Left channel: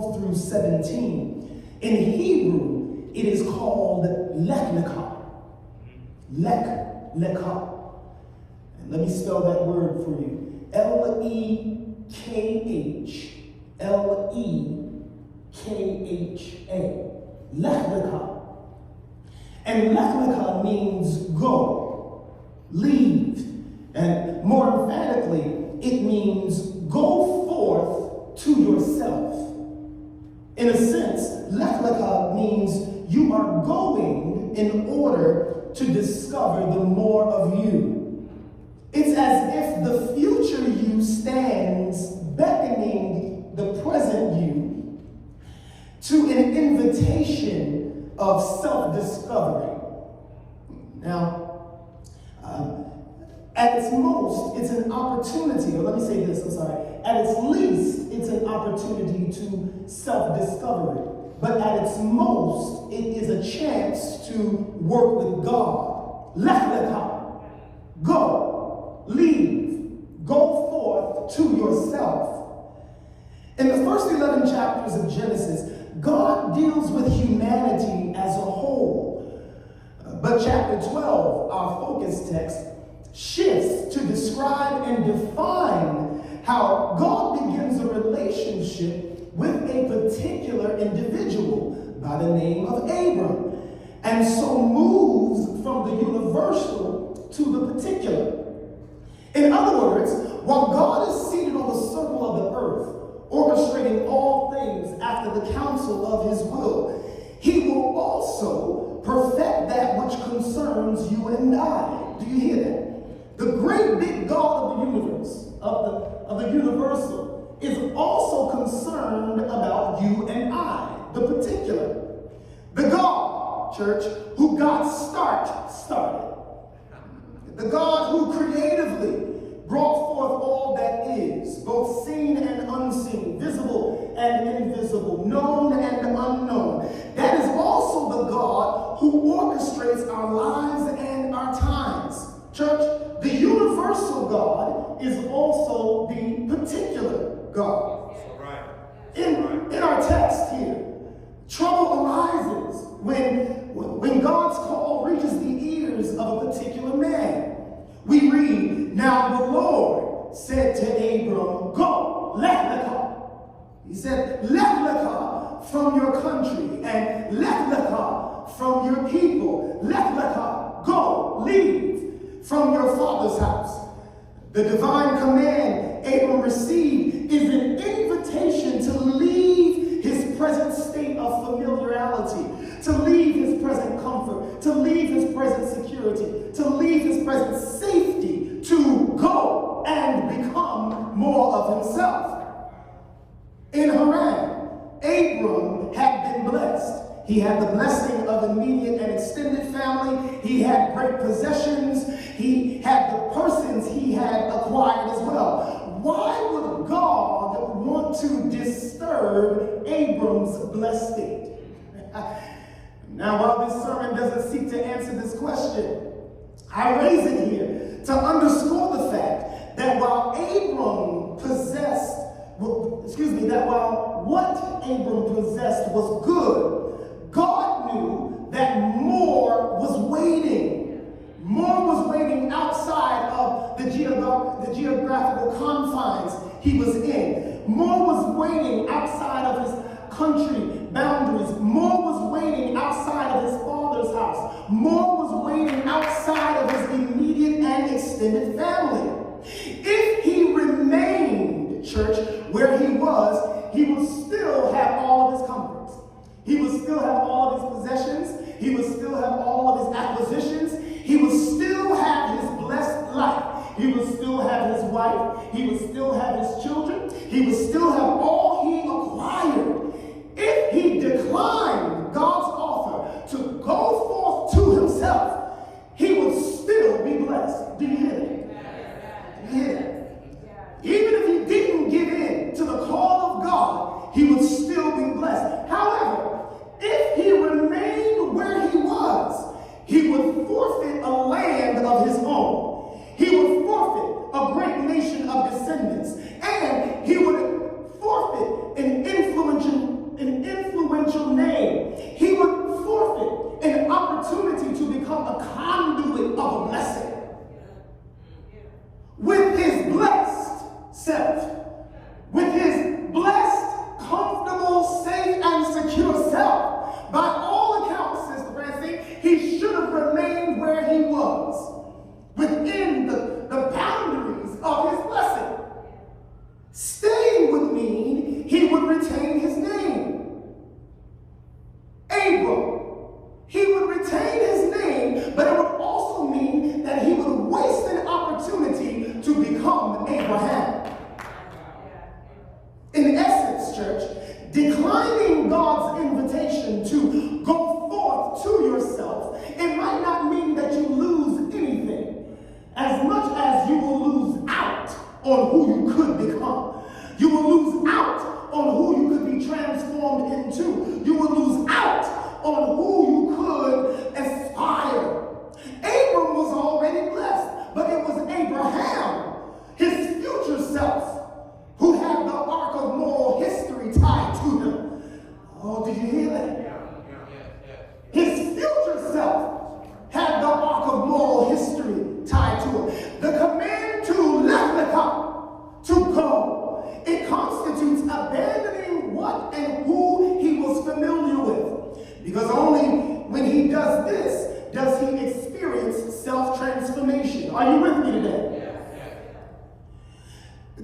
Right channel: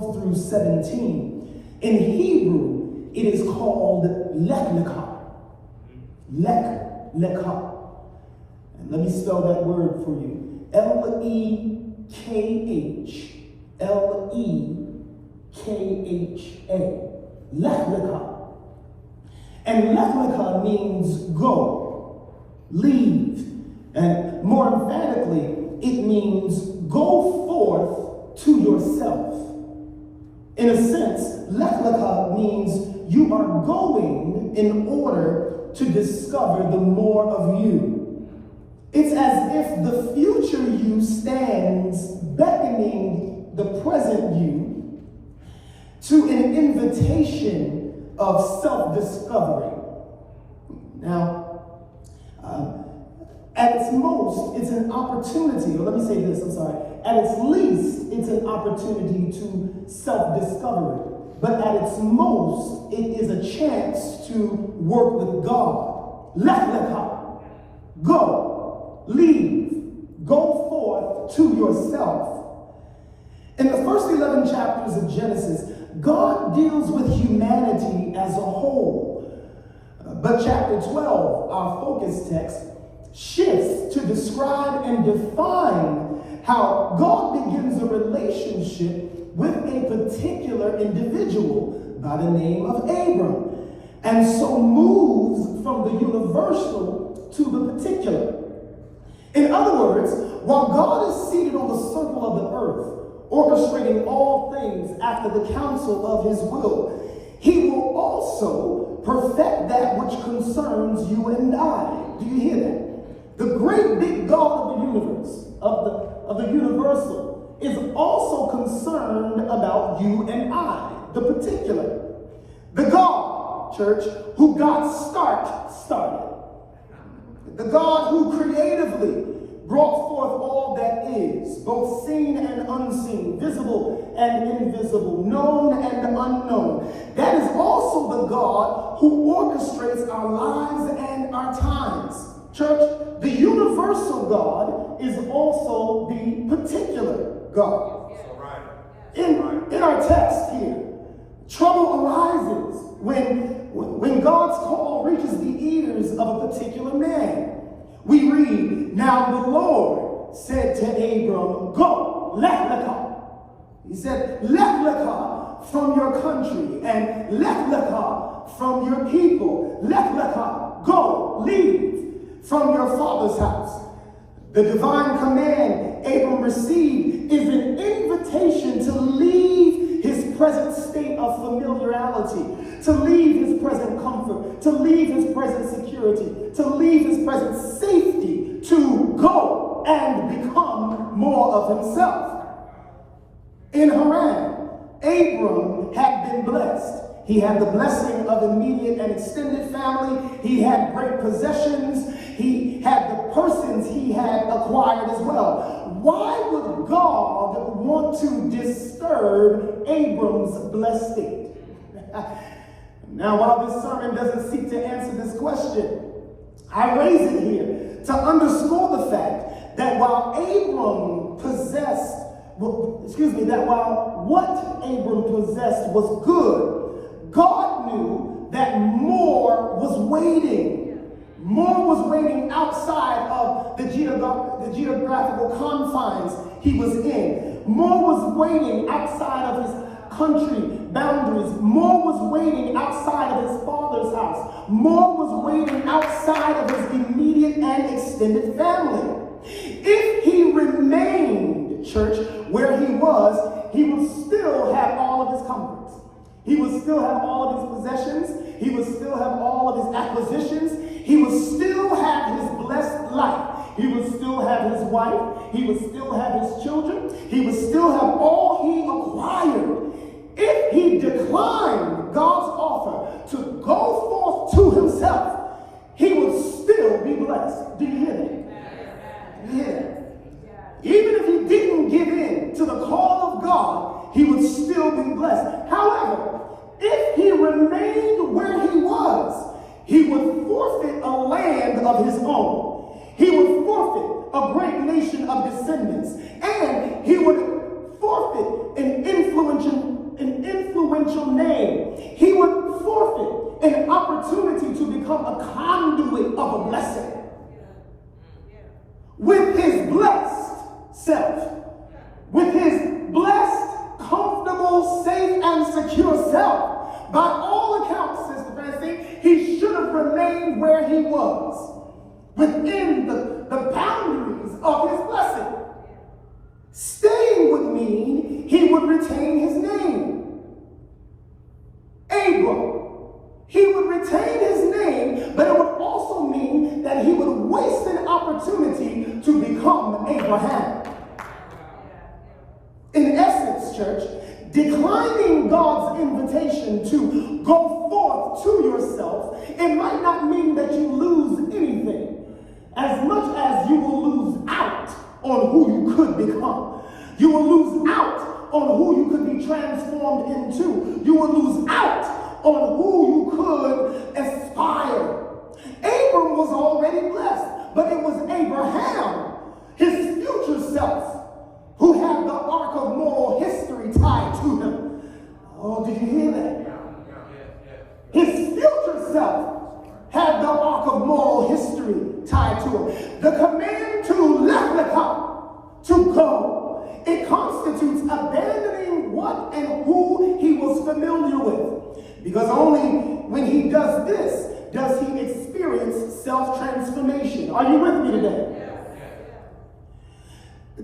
12 through 17. In Hebrew, it is called Lech Lecha. Lech Lecha. And let me spell that word for you. L-E-K-H-L-E-K-H-A. Lech Lecha. And Lech Lecha means go, leave. And more emphatically, it means go forth to yourself. In a sense, Lech Lecha means you are going in order to discover the more of you. It's as if the future you stands beckoning the present you to an invitation of self-discovery. Now, at its most, it's an opportunity, or let me say this, I'm sorry. At its least, it's an opportunity to self-discovery. But at its most, it is a chance to work with God. Lech Lecha. Go. Leave. Go forth to yourself. In the first 11 chapters of Genesis, God deals with humanity as a whole. But chapter 12, our focus text, shifts to describe and define how God begins a relationship with a particular individual by the name of Abram, and so moves from the universal to the particular. In other words, while God is seated on the circle of the earth, orchestrating all things after the counsel of his will, he will also perfect that which concerns you and I. Do you hear that? The great big God of the universe, of the universal, is also concerned about you and I, the particular. The God, church, who God started. The God who creatively brought forth all that is, both seen and unseen, visible and invisible, known and unknown. That is also the God who orchestrates our lives and our times. Church, the universal God is also the particular God. In our text here, trouble arises when God's call reaches the ears of a particular man. We read, now the Lord said to Abram, go, Lech Lecha. He said, Lech Lecha from your country, and Lech Lecha from your people. Lech Lecha, go, leave from your father's house. The divine command Abram received is an invitation to leave his present state of familiarity, to leave his present comfort, to leave his present security, to leave his present safety, to go and become more of himself. In Haran, Abram had been blessed. He had the blessing of immediate and extended family. He had great possessions. He had the persons he had acquired as well. Why would God want to disturb Abram's blessed state? Now, while this sermon doesn't seek to answer this question, I raise it here to underscore the fact that while Abram possessed, while what Abram possessed was good, God knew that more was waiting. More was waiting outside of the geographical confines he was in. More was waiting outside of his country boundaries. More was waiting outside of his father's house. More was waiting outside of his immediate and extended family. If he remained, church, where he would still have all of his comforts. He would still have all of his possessions. He would still have all of his acquisitions. He would still have his blessed life. He would still have his wife. He would still have his children. He would still have all he acquired. If he declined God's offer to go forth to himself, he would still be blessed. Do you hear me? Yeah. Even if he didn't give in to the call of God, he would still be blessed. However, if he remained where he was, church, declining God's invitation to go forth to yourself, it might not mean that you lose anything, as much as you will lose out on who you could become. You will lose out on who you could be transformed into. You will lose out on who you could aspire. Abram was already blessed, but it was Abraham, his future self, who had the arc of moral history tied to him. Oh, did you hear that? His future self had the arc of moral history tied to him. The command to Lech, to go, it constitutes abandoning what and who he was familiar with. Because only when he does this does he experience self-transformation. Are you with me today?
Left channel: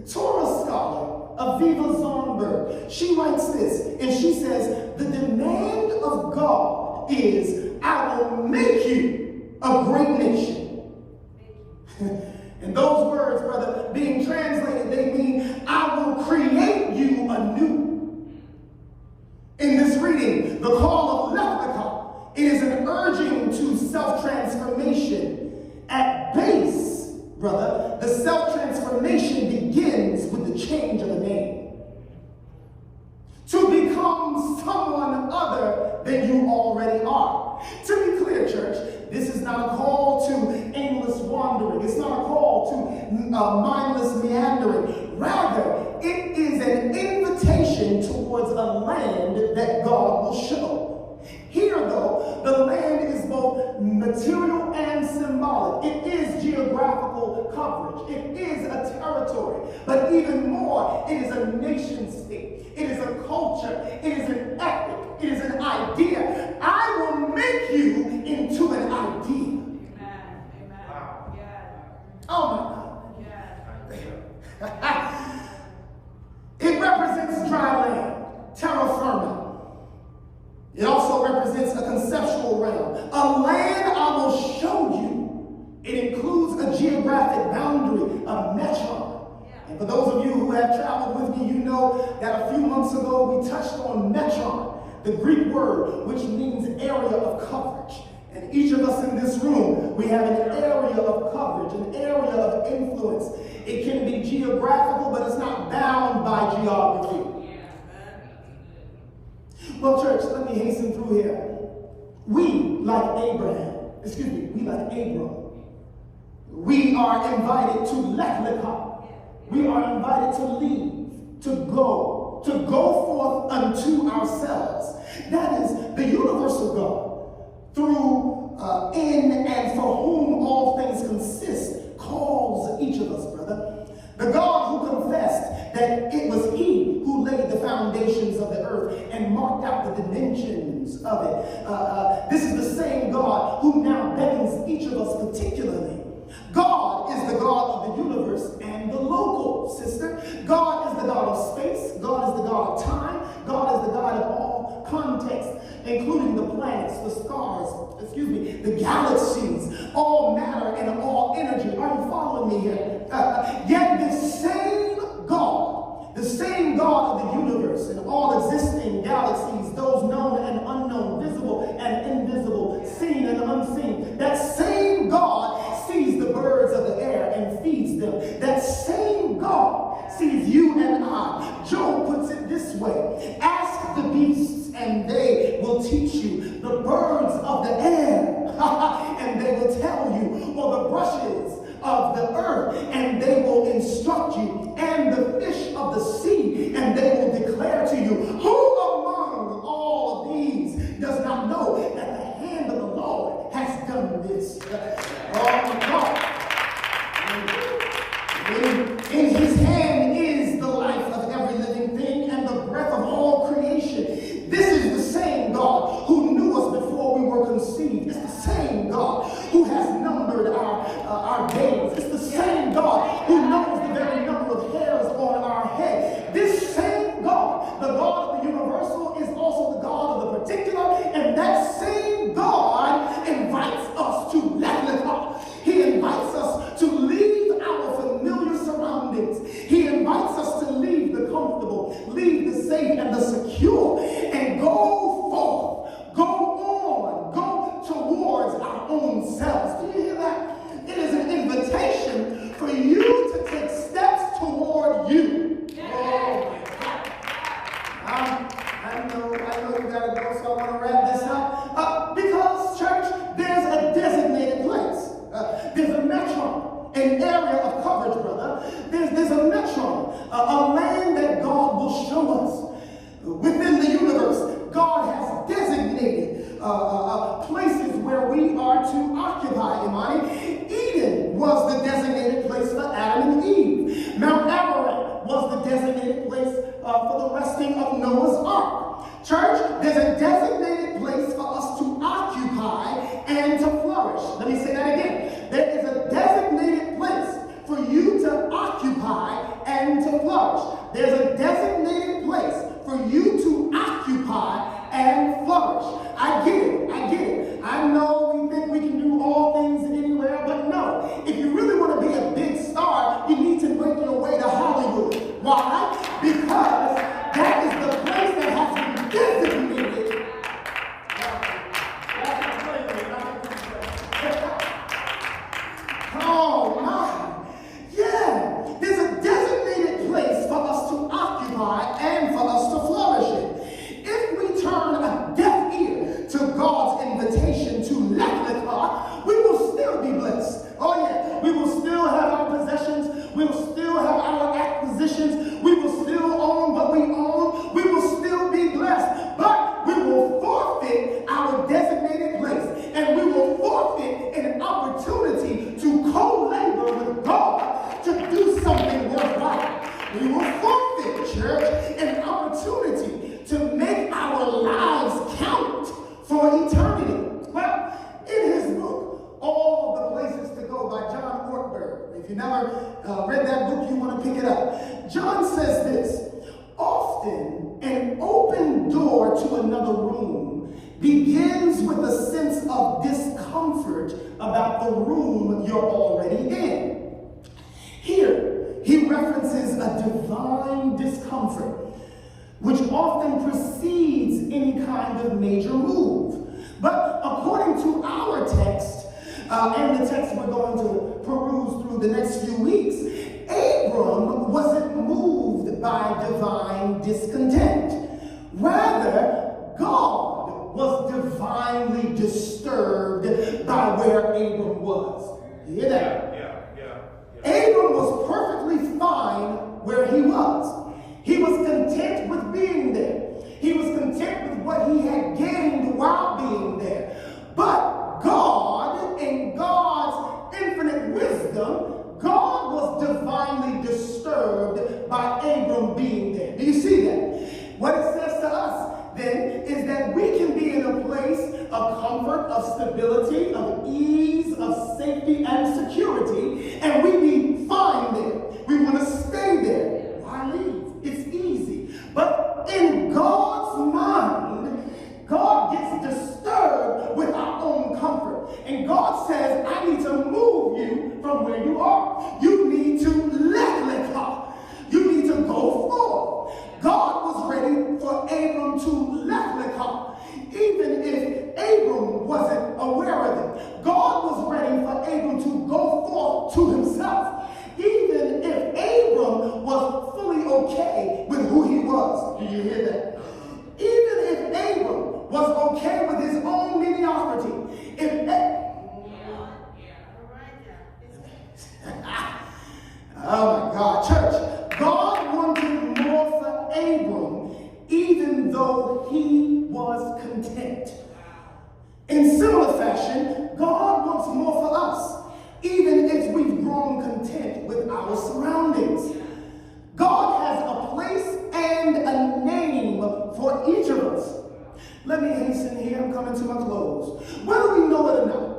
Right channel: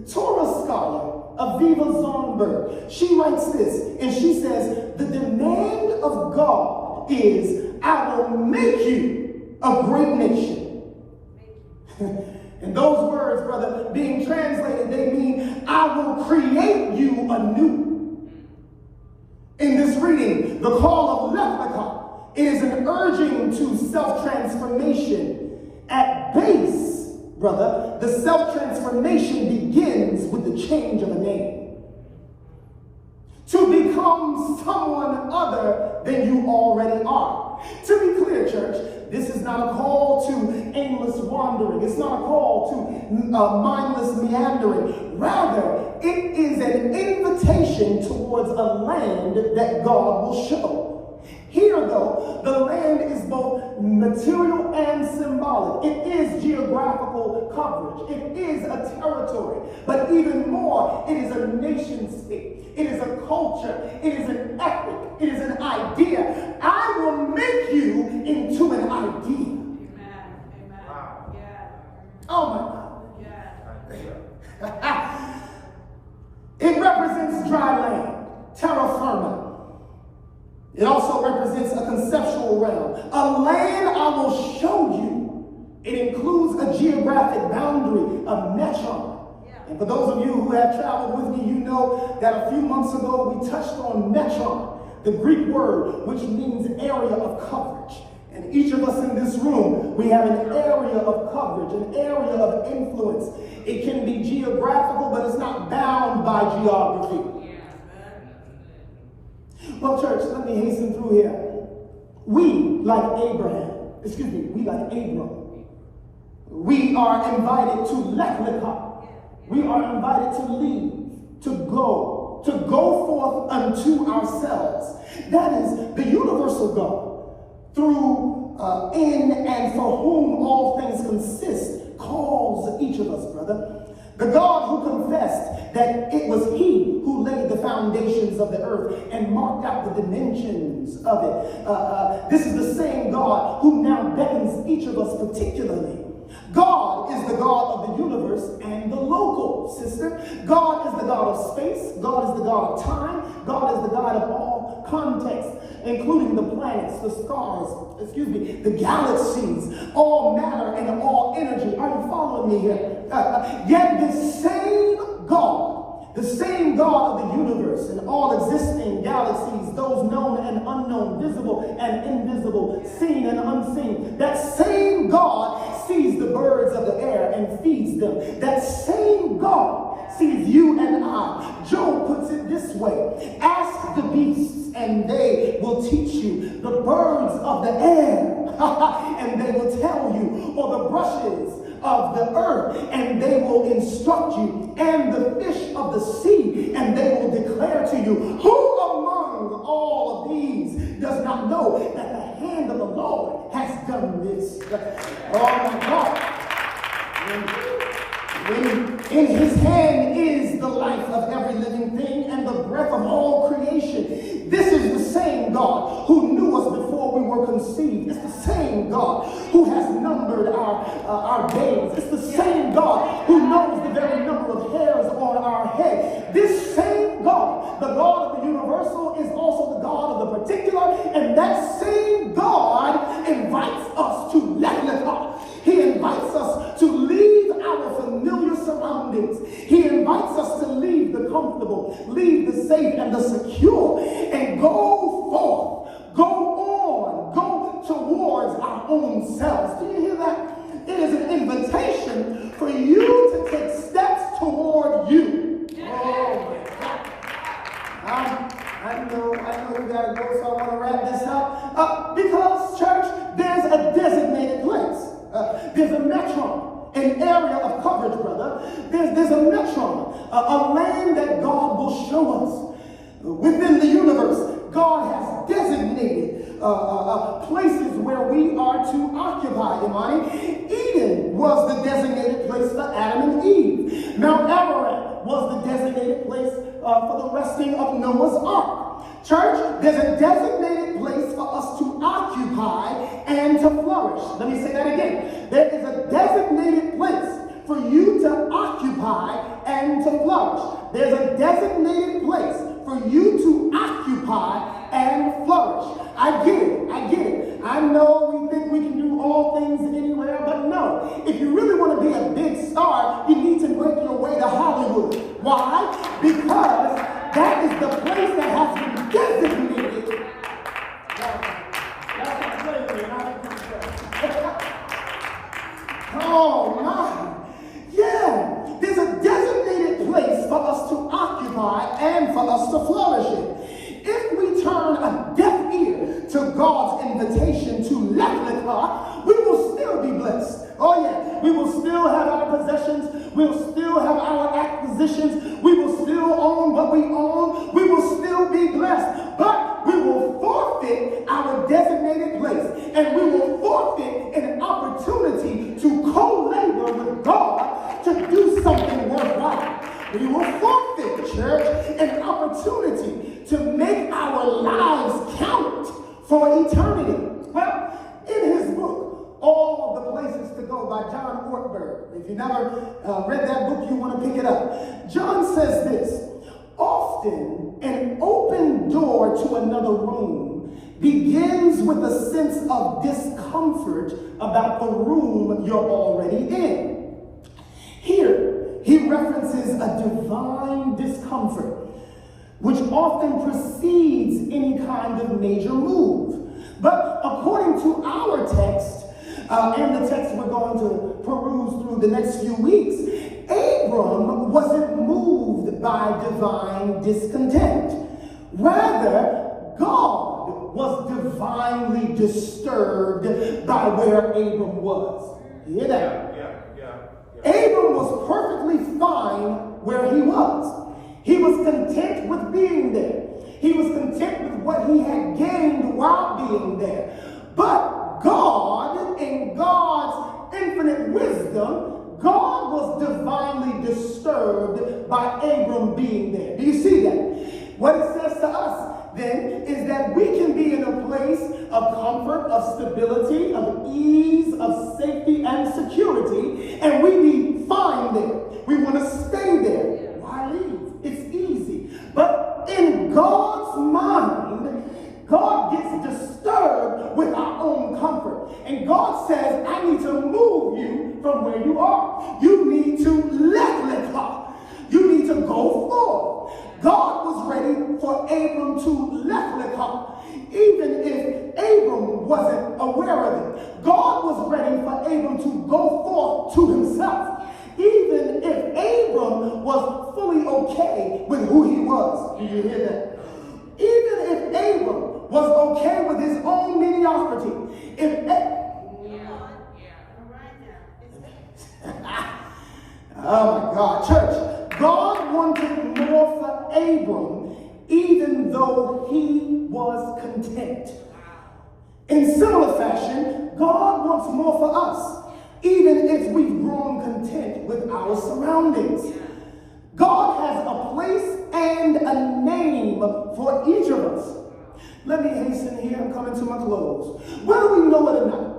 Torah scholar Aviva Zornberg, she writes this, and she says, the demand of God is, I will make you a great nation. And those words, brother, being translated, they mean, I will create you anew. In this reading, the call of Lech, it is an urging to self-transformation. At base, brother, the self-transformation begins with the change of the name. To become someone other than you already are. To be clear, church, this is not a call to aimless wandering. It's not a call to mindless meandering. Rather, it is an invitation towards a land that God will show. Here, though, the land is both material and symbolic. It is geographical coverage. It is a territory. But even more, it is a nation state. It is a culture. It is an ethic. It is an idea. I will make you into an idea. Amen. Amen. Wow. Yeah. Oh my God. Yeah. It represents dry land, terra firma. It also represents a conceptual realm. A land I will show you. It includes a geographic boundary, a metron. And for those of you who have traveled with me, you know that a few months ago we touched on metron, the Greek word which means area of coverage. And each of us in this room, we have an area of coverage, an area of influence. It can be geographical, but it's not bound by geography. Well, church, let me hasten through here. We, like Abram, we are invited to Lech. We are invited to leave, to go forth unto ourselves. That is the universal God, through, in, and for whom all things consist, calls each of us, brother. The God who confessed that it was he who laid the foundations of the earth and marked out the dimensions of it. This is the same God who now beckons each of us particularly. God is the God of the universe and the local, sister. God is the God of space. God is the God of time. God is the God of all context, including the planets, the stars, the galaxies, all matter and all energy. Are you following me here? Yet this same God, the same God of the universe and all existing galaxies, those known and unknown, visible and invisible, seen and unseen, that same God sees the birds of the air and feeds them. That same God sees you and I. Job puts it this way: ask the beasts and they will teach you, the birds of the air and they will tell you, or the brushes of the earth and they will instruct you, and the fish of the sea and they will declare to you. Who among all of these does not know that the hand of the Lord has done this? Oh my God. In his hand is the life of every living thing and the breath of all creation. This is the same God who knew us before we were conceived. It's the same God who has numbered our days. It's the same God who knows the very number of hairs on our head. This same God leave the safe and the secure and go forth, go on, go towards our own selves. Do you hear that? It is an invitation for you to take steps toward you. I know we gotta go, so I want to wrap this up. Because, church, there's a designated place. There's a metron, an area of coverage, brother. There's a metron, a lane that God will show us. Within the universe, God has designated places where we are to occupy, Imani. Eden was the designated place for Adam and Eve. Mount Ararat was the designated place for the resting of Noah's Ark. Church, there's a designated place for us to occupy and to flourish. Let me say that again. There is a designated place for you to occupy and to flourish. There's a designated place for you to occupy and flourish. I get it. I know we think we can do all things anywhere, but no. If you really want to be a big star, you need to make your way to Hollywood. Why? Because that is the place that has been designated. Oh my. Yeah. There's a designated place for us to occupy and for us to flourish in. If we turn a deaf ear to God's invitation to Lech, we will still be blessed. Oh yeah, we will still have our possessions. We will still have our acquisitions. We will still own what we own. We will still be blessed. But we will forfeit our designated place. And we will forfeit an opportunity to co-labor with God to do something worthwhile. We will forfeit, church, an opportunity to make our lives count for eternity. Well, in his book, All the Places to Go by John Ortberg, if you never read that book, you want to pick it up. John says this: often an open door to another room begins with a sense of discomfort about the room you're already in. Here, he references a divine discomfort, which often precedes any kind of major move. But according to our text, and the text we're going to peruse through the next few weeks, Abram wasn't moved by divine discontent. Rather, God was divinely disturbed by where Abram was. You hear that? Abram was perfectly fine where he was. He was content with being there. He was content with what he had gained while being there. But God, in God's infinite wisdom, God was divinely disturbed by Abram being there. Do you see that? What it says to us then is that we can be in a place of comfort, of stability, of ease, of safety and security, and we be fine there. We want to stay there. Why leave? It's easy. But in God's mind, God gets disturbed with our own comfort. And God says, I need to move you from where you are. You need to let go. You need to go forward. God was ready for Abram to let go, even if Abram wasn't aware of it. God was ready for Abram to go forth to himself, even if Abram was fully okay with who he was. Do you hear that? Even if Abram was okay with his own mediocrity, oh my God, church, God wanted more for Abram, even though he was content. In similar fashion, God wants more for us, even as we've grown content with our surroundings. God has a place and a name for each of us. Let me hasten here, I'm coming to my close. Whether we know it or not,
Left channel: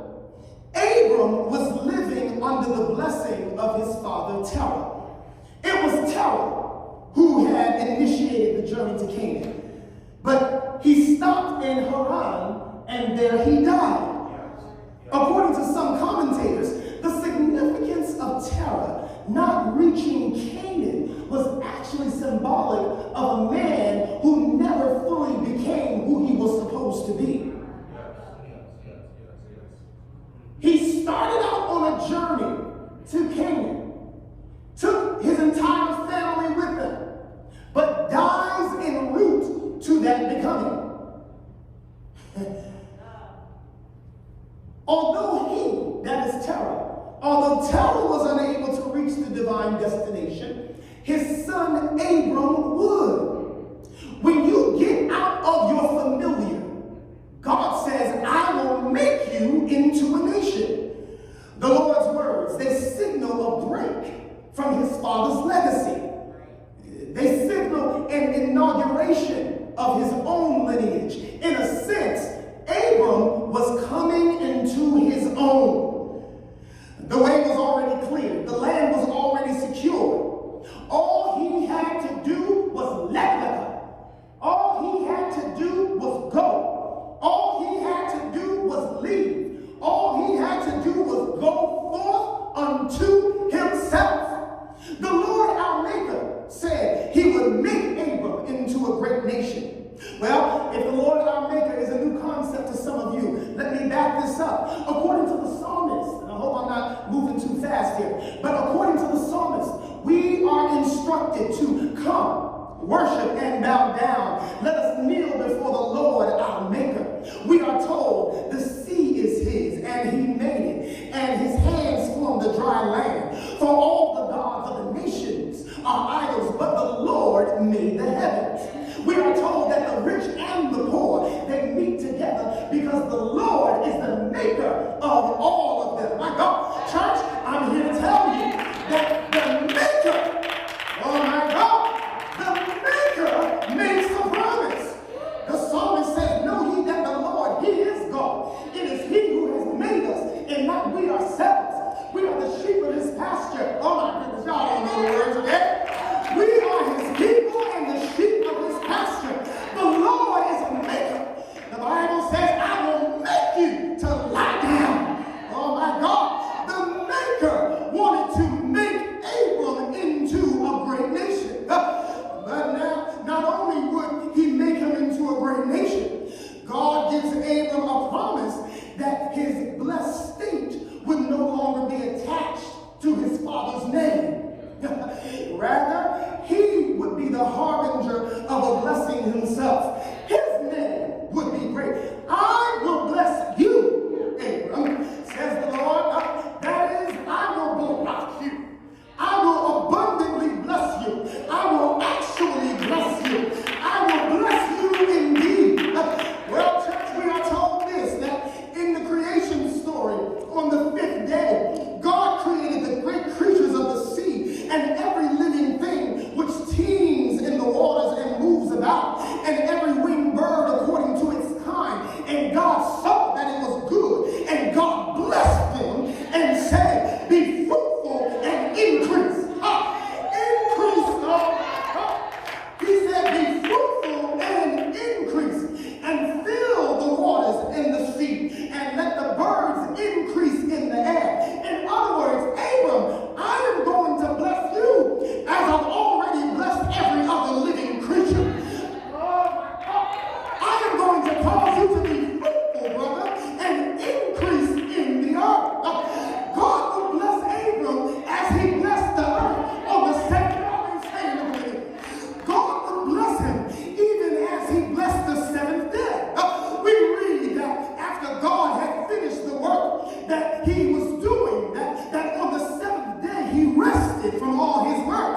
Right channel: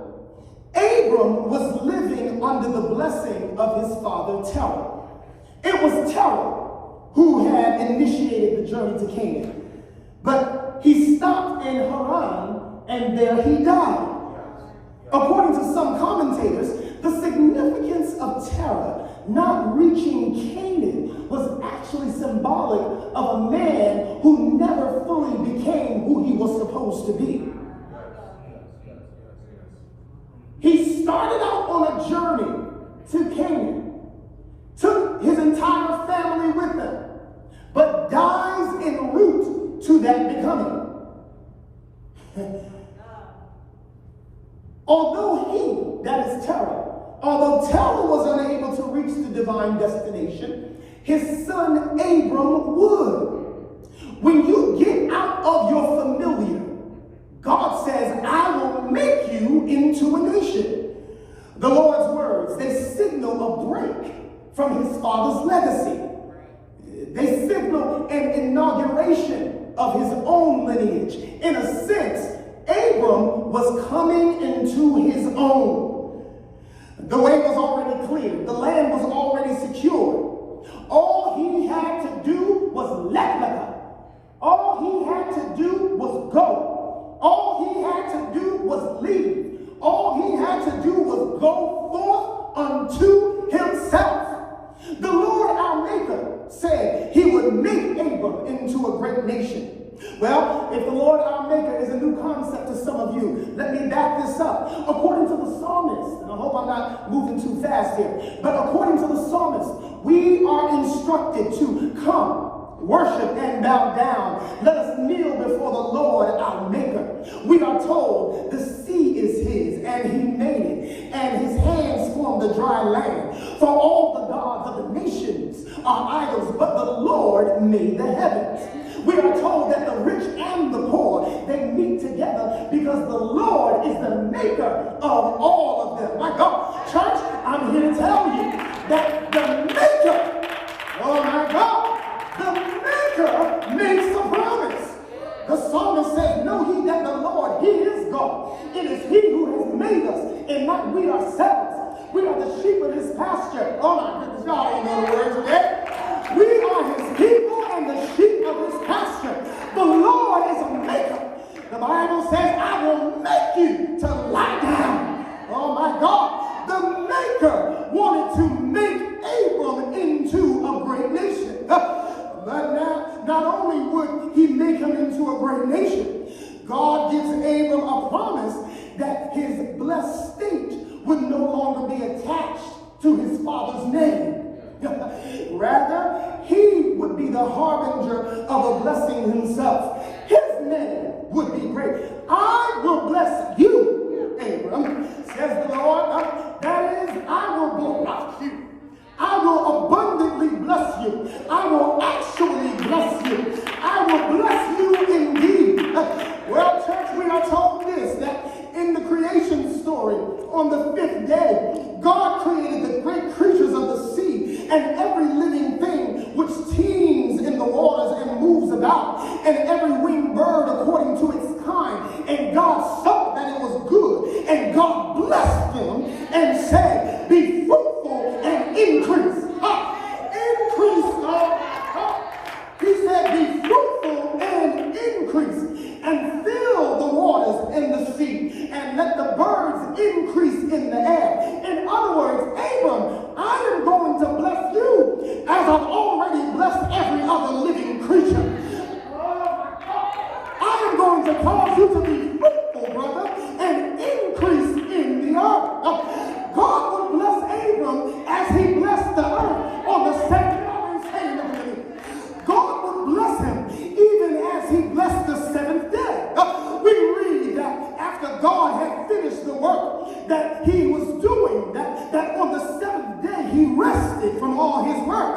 Abram was living under the blessing of his father Terah. It was Terah who had initiated the journey to Canaan. But he stopped in Haran, and there he died. According to some commentators, the significance of Terah not reaching Canaan was actually symbolic of a man who never fully became who he was supposed to be. He started out on a journey to Canaan, took his entire family with him, but dies en route to that becoming. Although Terah was unable to reach the divine destination, his son Abram would. When you get out of your familiar, God says, I will make you into a nation. The Lord's words, they signal a break from his father's legacy. They signal an inauguration of his own lineage. In a sense, Abram was coming into his own. The way was already cleared. The land was already secured. All he had to do was leper. All he had to do was go. All he had to do was leave. All he had to do was go forth unto himself. The Lord our Maker said he would make Abram into a great nation. Well, if the Lord our Maker is a new concept to some of you, let me back this up. According to the psalmist, and I hope I'm not moving too fast here, but according to the psalmist, we are instructed to come, worship, and bow down. Let us kneel before the Lord our Maker. We are told the sea is his, and he made it, and his hands formed the dry land. For all the gods of the nations are idols, but the Lord made the heavens. We are told that the rich and the poor, they meet together because the Lord is the maker of all of them. My God, church, I'm here to tell you that the maker, oh my God, the maker makes a promise. The psalmist said, know ye that the Lord, he is God. It is he who has made us and not we ourselves. We are the sheep of his pasture. Oh my goodness, y'all ain't know the word today. We are his people and the sheep of his pasture. The Lord is a maker. The Bible says, I will make you to lie down. Oh my God. The maker wanted to make Abram into a great nation. But now, not only would he make him into a great nation, God gives Abram a promise that his blessed state would no longer be attached to his father's name. Rather, he would be the harbinger of a blessing himself. His name would be great. I will bless you, Abram, says the Lord. That is, I will bless you. I will abundantly bless you. I will actually bless you. I will bless you indeed. Well, church, we are told this, that in the creation story, on the 5th day, God created the great creatures of the sea and every living thing which teems in the waters and moves about, and every winged bird according to its kind. And God saw that it was good, and God blessed them and said, be fruitful and increase. He said, be fruitful and increase, and fill the waters in the sea, and let the birds increase in the air. In other words, Abram, I am going to bless you as I've already blessed every other living creature. I am going to cause you to be fruitful, brother, and increase in the earth. God would bless Abram as he blessed the earth on the second day. God would bless him even as he blessed the 7th day. We read that after God had finished the work that he was doing, that on the 7th day he rested from all his work.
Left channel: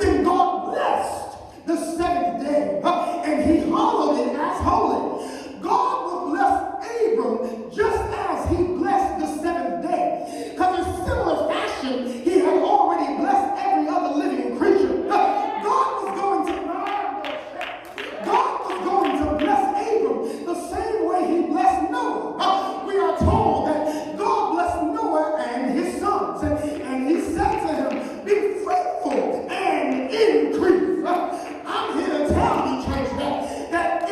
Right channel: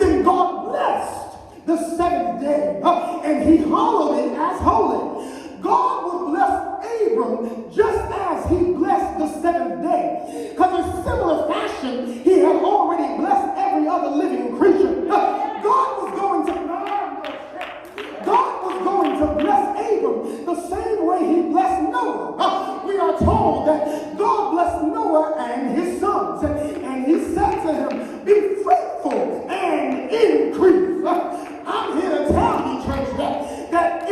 Then God blessed the 7th day and he hallowed it as holy. God would bless Abram just as he blessed the 7th day. Because in similar fashion, he had already blessed every other living creature. God was going to bless Abram the same way he blessed Noah. We are told that God blessed Noah and his sons. And he said to him, be fruitful and increase. I'm here to tell you, church, that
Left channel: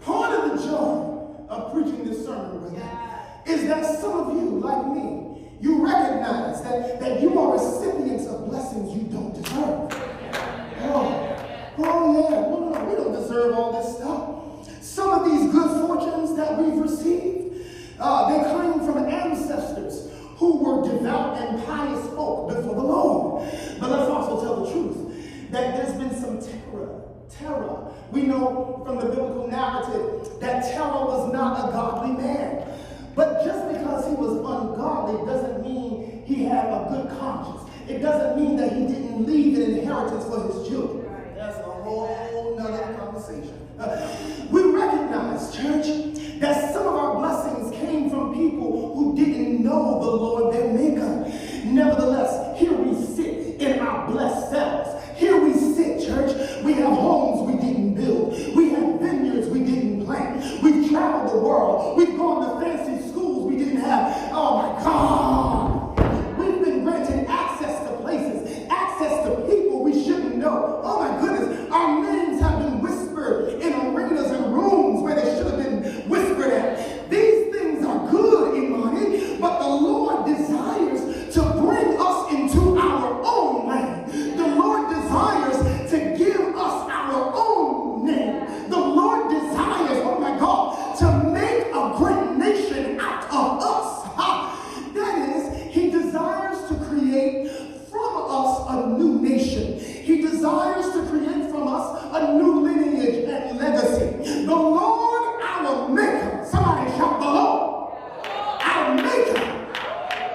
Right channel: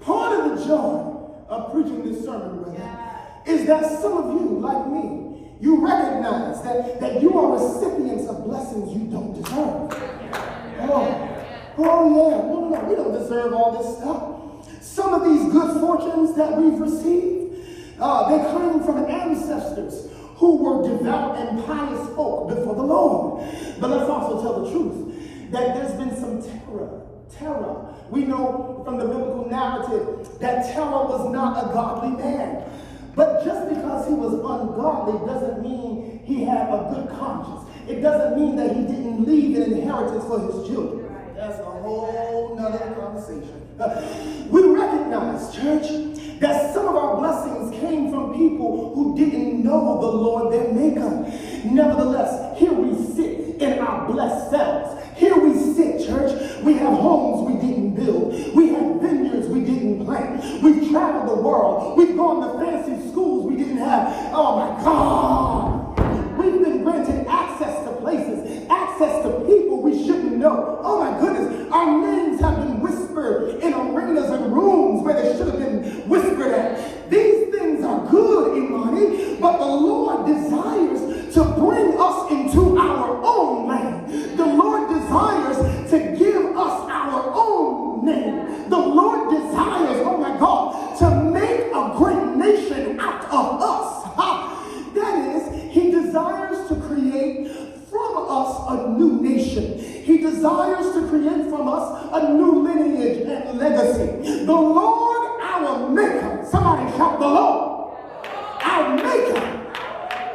Part of the joy of preaching this sermon, brother, is that some of you, like me, you recognize that you are recipients of blessings you don't deserve. Oh yeah, no, we don't deserve all this stuff. Some of these good fortunes that we've received, they come from ancestors who were devout and pious folk before the Lord. But let's also tell the truth that there's been some terror. We know from the biblical narrative that Terah was not a godly man. But just because he was ungodly doesn't mean he had a good conscience. It doesn't mean that he didn't leave an inheritance for his children. That's a whole nother conversation. We recognize, church, that some of our blessings came from people who didn't know the Lord their Maker. Nevertheless, here we sit in our blessed selves. Here we sit, church. We have homes we didn't build. We have vineyards we didn't plant. We've traveled the world. We've gone to fancy schools we didn't have. Oh my God. We've been granted access to places, access to people we shouldn't know. Oh my goodness. Our names have been whispered in arenas and rooms where they should have been whispered at. These things are good in money, but the Lord desires to bring us into our own land. The Lord desires to give us our own name. The Lord desires, oh my God, to make a great nation out of us. That is, he desires to create from us a new nation. He desires to create from us a new lineage and legacy. The Lord, our Maker, somebody shout the Lord, our Maker.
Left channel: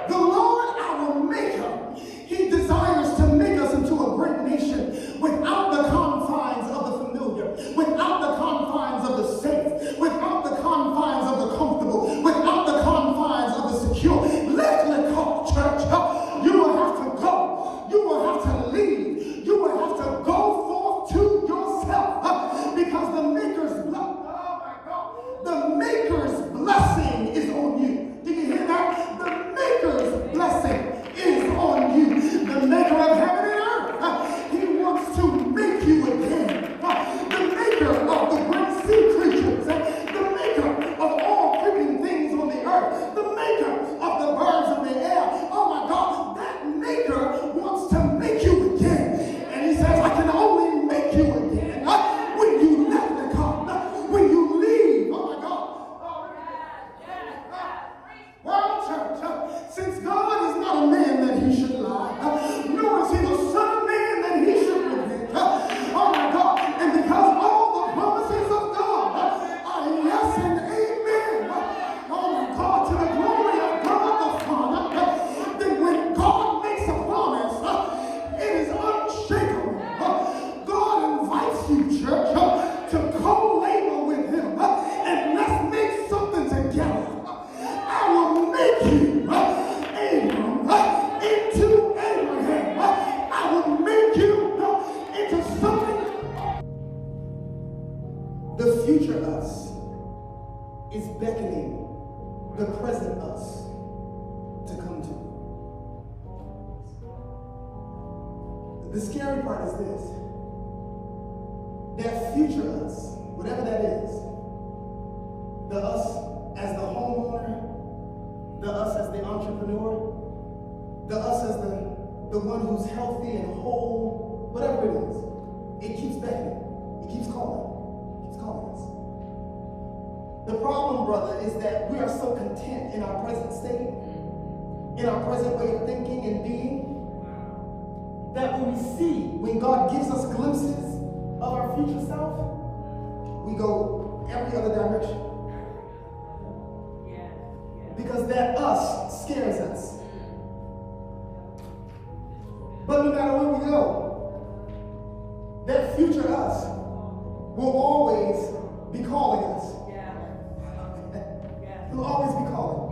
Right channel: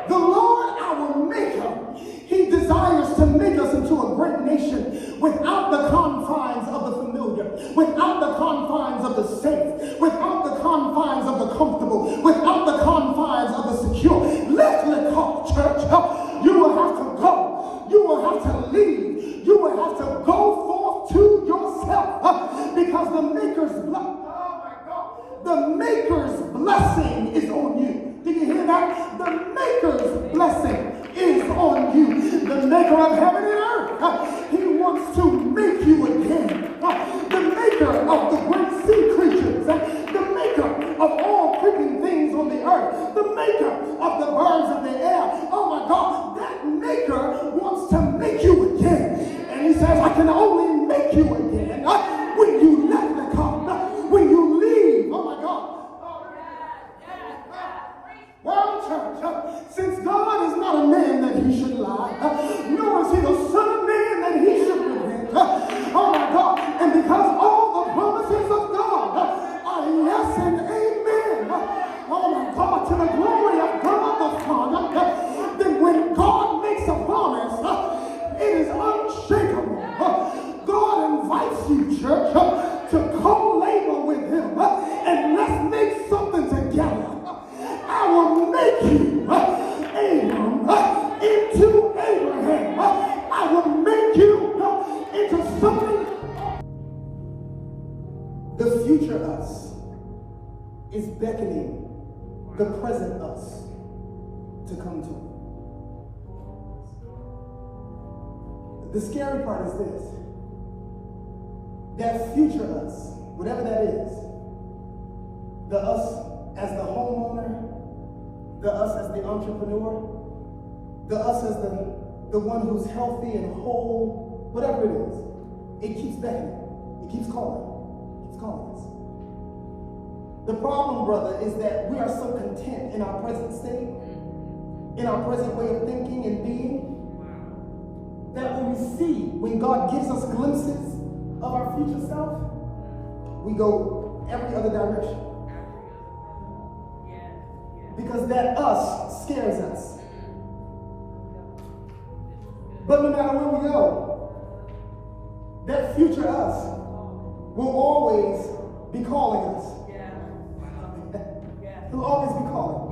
The Lord, our Maker, he desires to make us into a great nation without the confines of the familiar, without the confines of the safe, without the confines of the comfortable, without the confines of the secure. Let's talk, church. You will have to go. You will have to leave. You will have to go forth to yourself because the Maker's blessing is on you. Did you hear that? The Maker's blessing is on you. The Maker of heaven and earth, he wants to make you again. The Maker of the great sea creatures, the Maker of all creeping things on the earth, the Maker of the birds of the air. Oh my God, that Maker wants to make you again. And he says, I can only make you again when you left the car, when you leave. Oh my God. Well, church, since God is not a man that he should lie, nor is he the son of man that he should repent. Oh my God. And because all the promises of God are yes and amen, oh my God, to the glory of God the Father, then when God makes a promise, it is unshakable. God invites you, church, to co-labor with him, and let's make something together. I will make you, Abram, into Abraham. I will make you into something. The future us is beckoning the present us to come to it. The scary part is this. That future us, whatever that is, the us as the homeowner, the us as the entrepreneur, the us as the one who's healthy and whole, whatever it is, it keeps beckoning. It keeps calling. It keeps calling us. The problem, brother, is that we are so content in our present state, in our present way of thinking and being, that when God gives us glimpses of our future self, we go every other direction. Because that us scares us. But no matter where we go, that future us will always be calling us. He'll always be calling.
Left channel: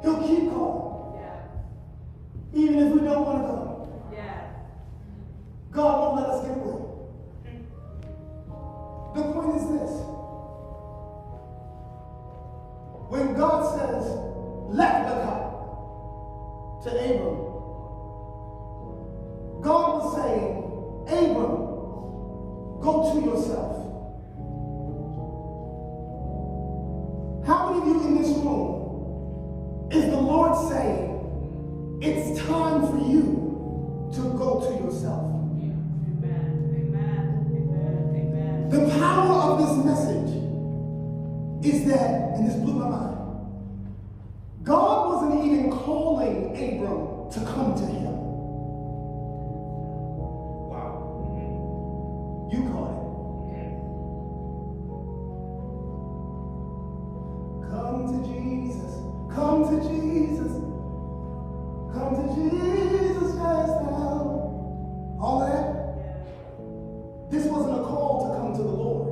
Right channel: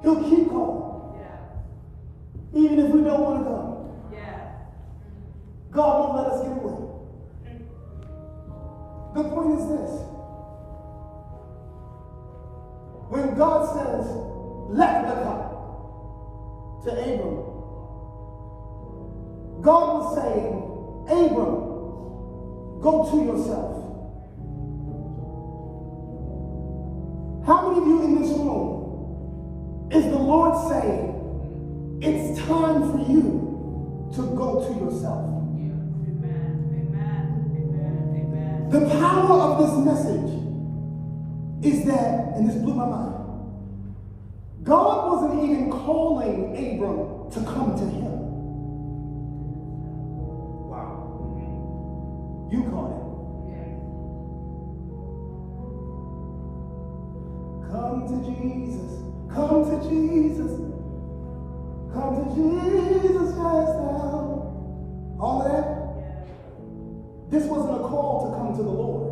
He'll keep calling. Even if we don't want to go. God won't let us get away. The point is this. When God says, let the go to Abram, God was saying, Abram, go to yourself. room is the Lord saying, it's time for you to go to yourself. The power of this message is that, and this blew my mind, God wasn't even calling Abram to come to him. Wow. You caught it. Come to Jesus. Come to Jesus. Come to Jesus just now. All of that? This wasn't a call to come to the Lord.